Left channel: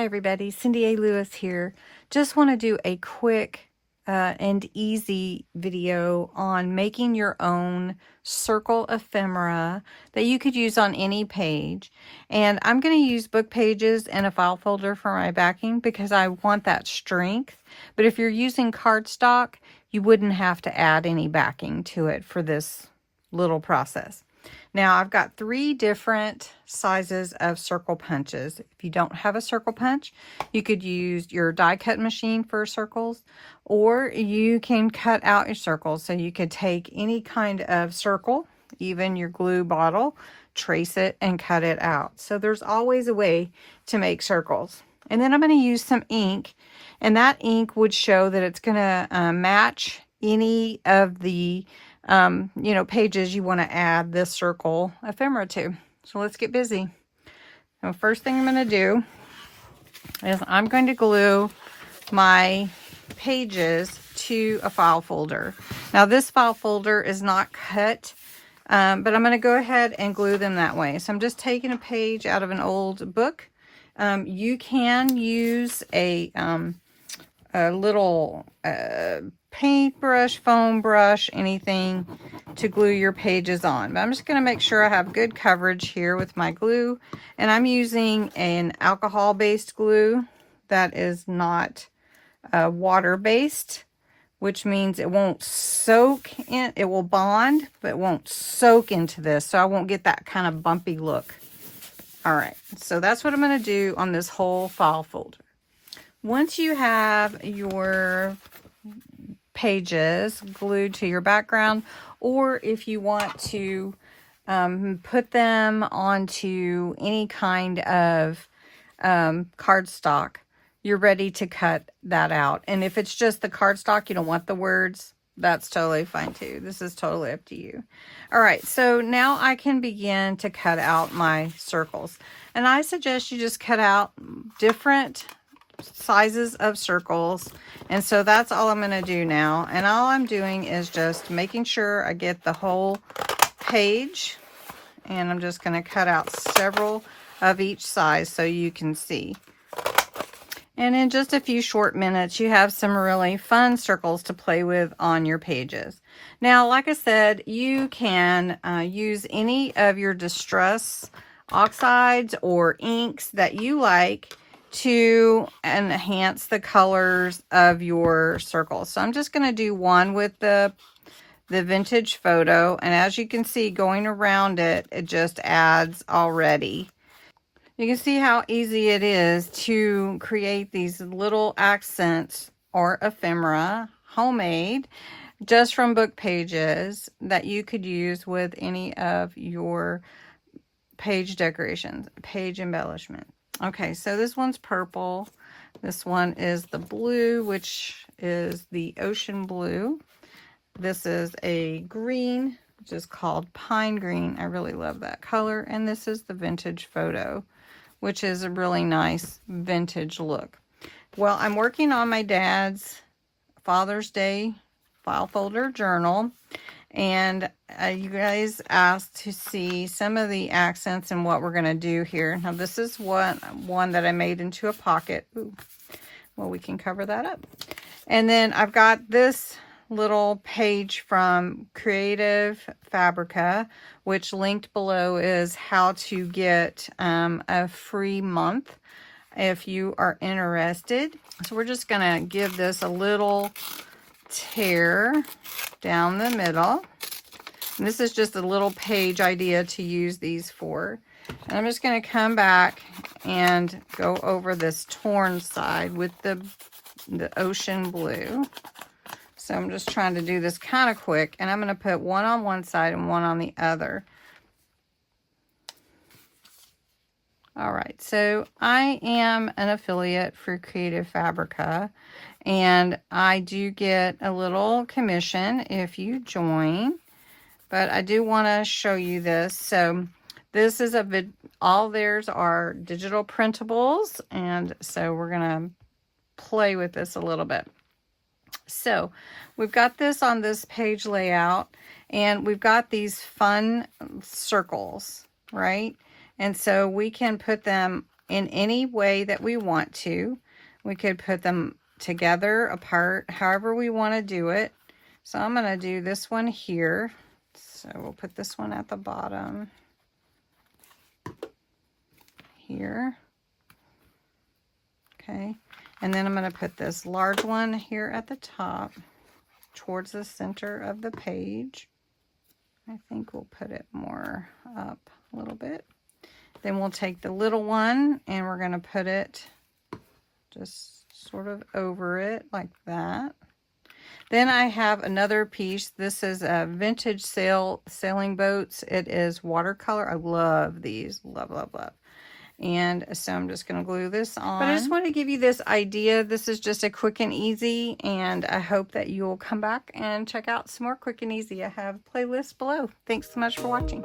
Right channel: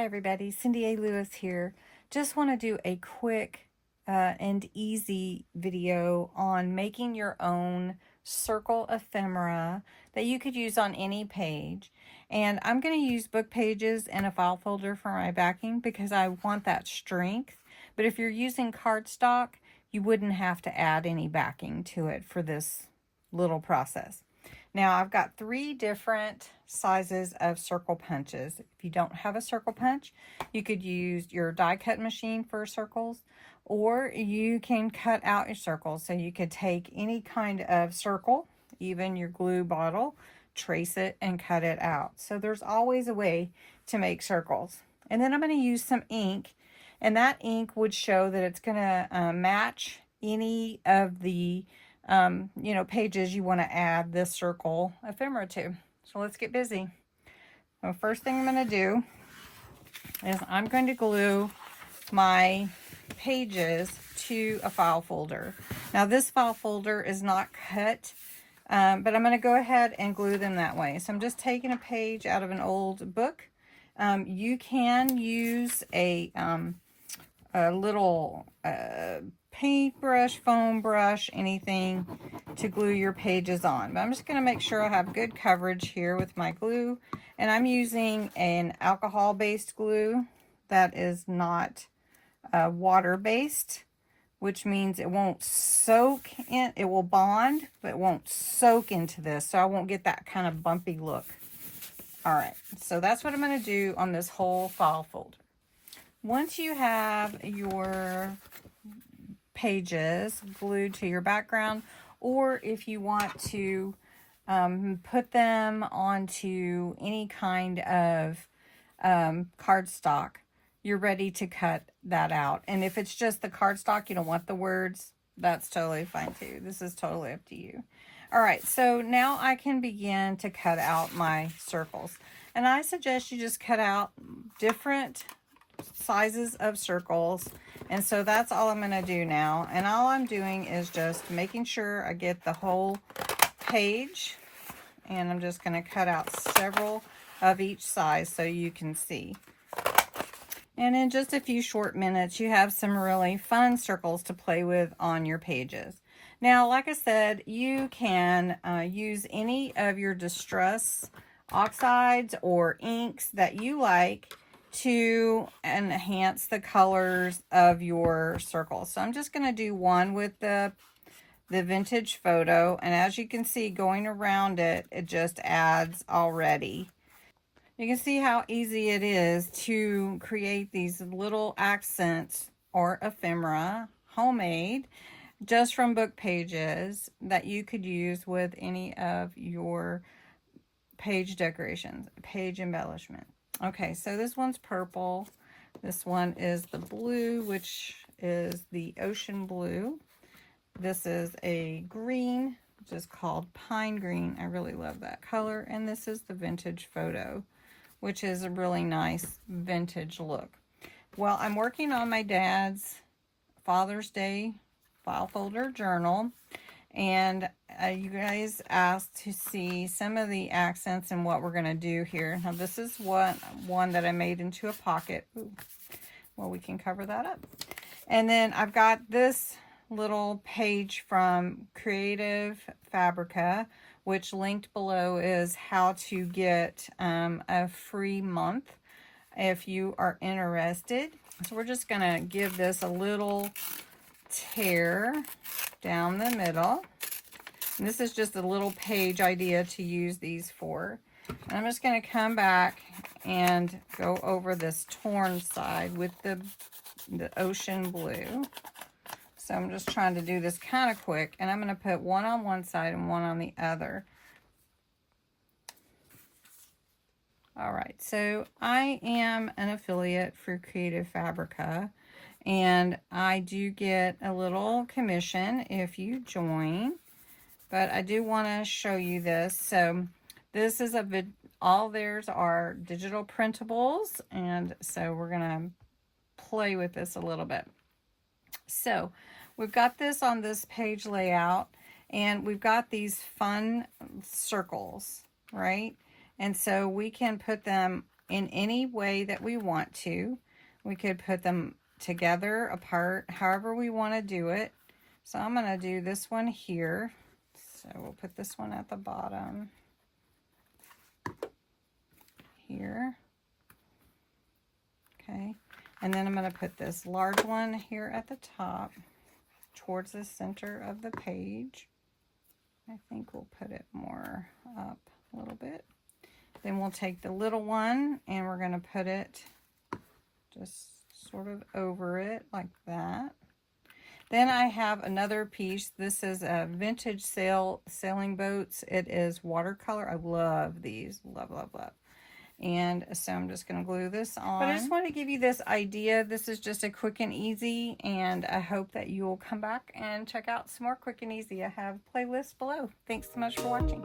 Hi everybody, Cindy A. Lewis here. Just want to do a quick and easy video on making your own circle ephemera that you could use on any page. And I'm going to use book pages and a file folder for my backing because I want that strength. But if you're using cardstock, you wouldn't have to add any backing to it for this little process. Now I've got 3 different sizes of circle punches. If you don't have a circle punch, you could use your die cut machine for circles, or you can cut out your circles. So you could take any kind of circle, even your glue bottle, trace it and cut it out. So there's always a way to make circles. And then I'm going to use some ink, and that ink would show that it's going to match any of the pages you want to add this circle ephemera to. So let's get busy. So first thing I'm going to do is I'm going to glue my pages to a file folder. Now this file folder is not cut, but I'm going to go ahead and glue them that way. So I'm just taking a page out of an old book. You can use a little paintbrush, foam brush, anything to glue your pages on. But I'm just going to make sure I have good coverage here with my glue. And I'm using an alcohol-based glue that is not water-based, which means it won't soak in. It will bond, but it won't soak into this, so I won't get that kind of bumpy look. All right, so that's what I'm going to do on this whole file folder. Once you have your pages glued to your background, or if you want to put them onto any kind of cardstock, you're ready to cut that out. And if it's just the cardstock, you don't want the words, that's totally fine too. This is totally up to you. All right, so now I can begin to cut out my circles. And I suggest you just cut out different sizes of circles, and so that's all I'm going to do now. And all I'm doing is just making sure I get the whole page, and I'm just going to cut out several of each size so you can see. And in just a few short minutes, you have some really fun circles to play with on your pages. Now, like I said, you can use any of your distress oxides or inks that you like to enhance the colors of your circles. So I'm just going to do one with the vintage photo, and as you can see, going around it, it just adds already. You can see how easy it is to create these little accents or ephemera, homemade, just from book pages that you could use with any of your page decorations, page embellishment. Okay, so this one's purple. This one is the blue, which is the ocean blue. This is a green, which is called pine green. I really love that color. And this is the vintage photo, which is a really nice vintage look. Well, I'm working on my dad's Father's Day file folder journal. And you guys asked to see some of the accents and what we're going to do here. Now this is one that I made into a pocket. Ooh. Well, we can cover that up. And then I've got this little page from Creative Fabrica, which linked below is how to get a free month if you are interested. So we're just going to give this a little tear down the middle. And this is just a little page idea to use these for. And I'm just going to come back and go over this torn side with the ocean blue. So I'm just trying to do this kind of quick, and I'm going to put one on one side and one on the other. All right, so I am an affiliate for Creative Fabrica, and I do get a little commission if you join, but I do want to show you this. So this is all theirs are digital printables, and so we're going to play with this a little bit. So we've got this on this page layout, and we've got these fun circles, right? And so we can put them in any way that we want to. We could put them together, apart, however we want to do it. So I'm going to do this one here. So we'll put this one at the bottom here. Okay. And then I'm going to put this large one here at the top towards the center of the page. I think we'll put it more up a little bit. Then we'll take the little one and we're going to put it just sort of over it like that. Then I have another piece. This is a vintage sailing boats. It is watercolor. I love these. Love, love, love. And so I'm just going to glue this on. But I just want to give you this idea. This is just a quick and easy, and I hope that you will come back and check out some more quick and easy. I have playlists below. Thanks so much for watching.